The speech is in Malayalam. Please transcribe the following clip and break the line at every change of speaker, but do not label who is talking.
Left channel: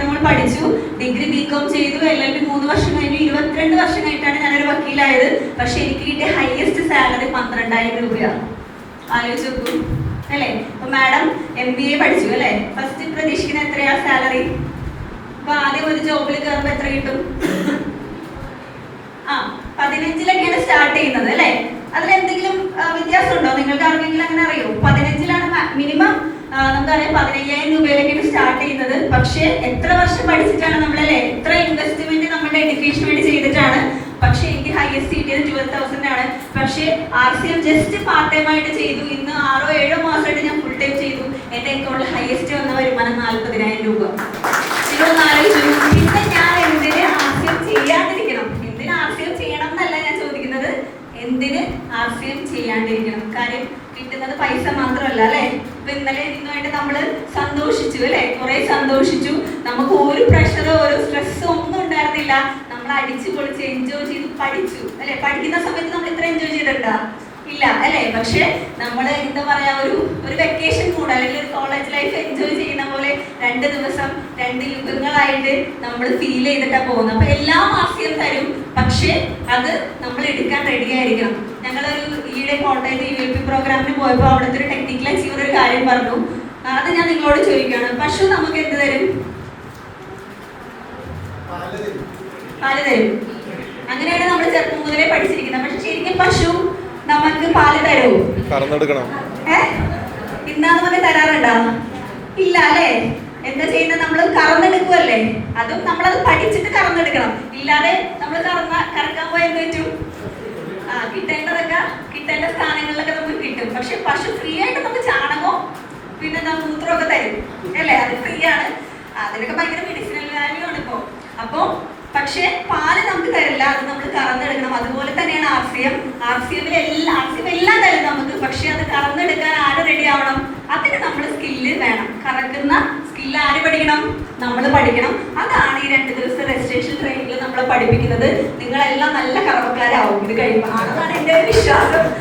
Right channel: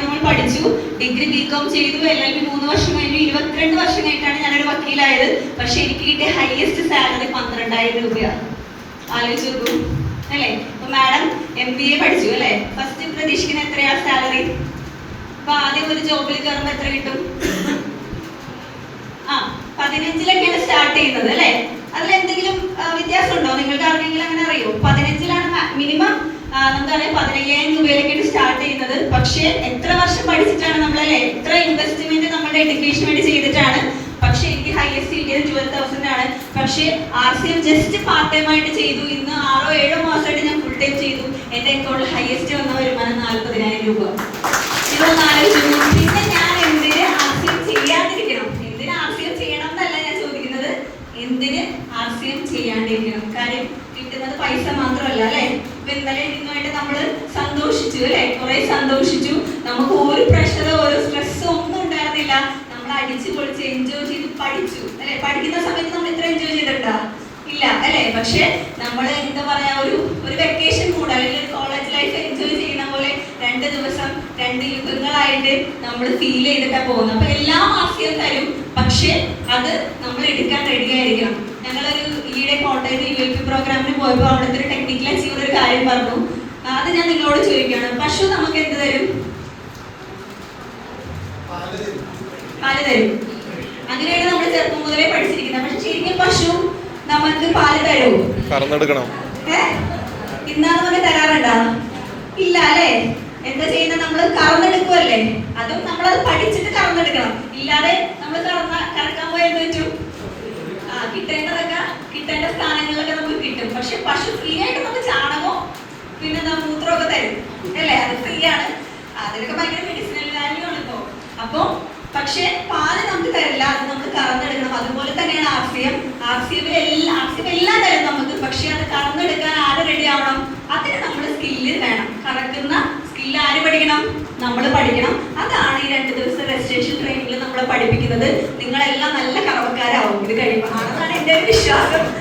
നമ്മൾ പഠിച്ചു. ഡിഗ്രി ബികോം ചെയ്തു. എൽ എൽ ബി മൂന്ന് വർഷം കഴിഞ്ഞു. ഇരുപത്തിരണ്ട് വർഷം കഴിഞ്ഞിട്ടാണ് ഞാനൊരു വക്കീലായത്. പക്ഷെ എനിക്ക് കിട്ടിയ ഹയസ്റ്റ് സാലറി പന്ത്രണ്ടായിരം രൂപയാണ് ആലോചിച്ച് നോക്കൂ അല്ലേ? അപ്പൊ മാഡം എം ബി എ പഠിച്ചു അല്ലേ? ഫസ്റ്റ് പ്രതീക്ഷിക്കുന്ന എത്രയാ സാലറി അപ്പൊ ആദ്യം ഒരു ജോബിൽ കയറുമ്പോൾ എത്ര കിട്ടും? ആ പതിനഞ്ചിലൊക്കെയാണ് സ്റ്റാർട്ട് ചെയ്യുന്നത് അല്ലേ? നമുക്കറിയാം പതിനയ്യായിരം രൂപയിലേക്കാണ് സ്റ്റാർട്ട് ചെയ്യുന്നത്. പക്ഷേ എത്ര വർഷം പഠിച്ചിട്ടാണ് നമ്മളല്ലേ? എത്ര ഇൻവെസ്റ്റ്മെന്റ് നമ്മുടെ എഡ്യൂക്കേഷൻ വേണ്ടി ചെയ്തിട്ടാണ്? പക്ഷേ എനിക്ക് ഹയസ്റ്റ് കിട്ടിയത് ട്വൽവ് തൗസൻഡ് ആണ്. പക്ഷേ R C M just part time ആയിട്ട് ചെയ്തു. ഇന്ന് ആറോ ഏഴോ മാസമായിട്ട് ഞാൻ ഫുൾ ടൈം ചെയ്തു. എന്റെ അക്കൗണ്ടിൽ ഹയസ്റ്റ് വന്ന വരുമാനം നാൽപ്പതിനായിരം രൂപ. ഇതൊന്ന് ആലോചിച്ചു പിന്നെ ഞാൻ എന്തിന് ആർ സി എം ചെയ്യാതിരിക്കണം എന്തിന് ആർ സി എം ചെയ്യണം എന്നല്ല ഞാൻ ചോദിക്കുന്നത് എന്തിന് ആർ സി എം ചെയ്യാണ്ടിരിക്കണം കാര്യം കിട്ടുന്നത് പൈസ മാത്രമല്ല അല്ലെ? ഇപ്പൊ ഇന്നലെ ഇന്നുമായിട്ട് നമ്മൾ സന്തോഷിച്ചു അല്ലെ? കുറെ സന്തോഷിച്ചു. നമുക്ക് ഒരു പ്രഷറോ ഒരു സ്ട്രെസ്സോ ഒന്നും ഉണ്ടായിരുന്നില്ല. നമ്മൾ അടിച്ചു പൊളിച്ച് എൻജോയ് ചെയ്ത് പഠിച്ചു അല്ലെ? പഠിക്കുന്ന സമയത്ത് നമ്മൾ ഇത്ര എൻജോയ് ചെയ്തിട്ടുണ്ടോ? ഇല്ല അല്ലെ? പക്ഷെ നമ്മൾ എന്താ പറയാ ഒരു ഒരു വെക്കേഷൻ കൂടെ അല്ലെങ്കിൽ ഒരു കോളേജ് ലൈഫ് എൻജോയ് ചെയ്യുന്ന പോലെ രണ്ട് ദിവസം രണ്ട് യുഗങ്ങളായിട്ട് നമ്മൾ ഫീൽ ചെയ്തിട്ടാണ് പോകുന്നത്. അപ്പൊ എല്ലാ ആസ്യം തരും പക്ഷെ അത് നമ്മൾ എടുക്കാൻ റെഡി ആയിരിക്കണം. ഞങ്ങളൊരു ഈയിടെ കോട്ടയത്ത് യു എ പി പ്രോഗ്രാമിന് പോയപ്പോൾ അവിടുത്തെ ഒരു ടെക്നിക്കൽ അച്ചീവർ ഒരു കാര്യം പറഞ്ഞു. അത് ഞാൻ നിങ്ങളോട് ചോദിക്കുകയാണ്. പശു നമുക്ക് എന്ത് തരും? പാൽ തരും. അങ്ങനെയാണ് നമ്മൾ ചെറുപ്പം മുതലേ പഠിച്ചിരിക്കുന്നത്. പക്ഷെ ശരിക്കും പശു നമുക്ക് പാൽ തരുമോ
കറന്നെടുക്കണം.
ഏ? ഇന്നാന്ന് നമുക്ക് തരാറുണ്ടോ? ഇല്ല അല്ലേ? എന്താ ചെയ്യുന്നത് നമ്മൾ കറന്നെടുക്കുമല്ലേ അതും നമ്മൾ അത് പഠിച്ചിട്ട് കറന്നെടുക്കണം. ഇല്ലാതെ നമ്മൾ കറന്ന കറക്കാൻ പോയാൽ പറ്റും? ആ കിട്ടേണ്ടതൊക്കെ കിട്ടേണ്ട സ്ഥാനങ്ങളിലൊക്കെ നമുക്ക് കിട്ടും. പക്ഷെ പശു ഫ്രീ ആയിട്ട് നമുക്ക് ചാണകവും പിന്നെ മൂത്രമൊക്കെ തരും. അല്ലേ? അത് ഫ്രീ ആണ്. അതിനൊക്കെ ഭയങ്കര മെഡിസിനൽ വാല്യൂ ആണ് ഇപ്പോ. അപ്പോ പക്ഷെ പാൽ നമുക്ക് തരില്ല. അത് നമ്മൾ കറന്നെടുക്കണം. അതുപോലെ തന്നെയാണ് R C M R C എല്ലാം ആർ സി എം എല്ലാം തരും നമുക്ക്. പക്ഷെ അത് കറന്നെടുക്കാൻ ആര് റെഡി ആവണം? അതിന് നമ്മൾ സ്കില്ല് വേണം. കറക്കുന്ന സ്കില്ല് ആര് പഠിക്കണം? നമ്മൾ പഠിക്കണം. അതാണ് ഈ രണ്ട് ദിവസത്തെ രജിസ്ട്രേഷൻ ട്രെയിനിങ്ങിൽ നമ്മളെ പഠിപ്പിക്കുന്നത്. നിങ്ങളെല്ലാം നല്ല കറവക്കാരാവും. ഇത് കഴിയുമ്പോൾ അതാണ് എന്റെ വിശ്വാസം.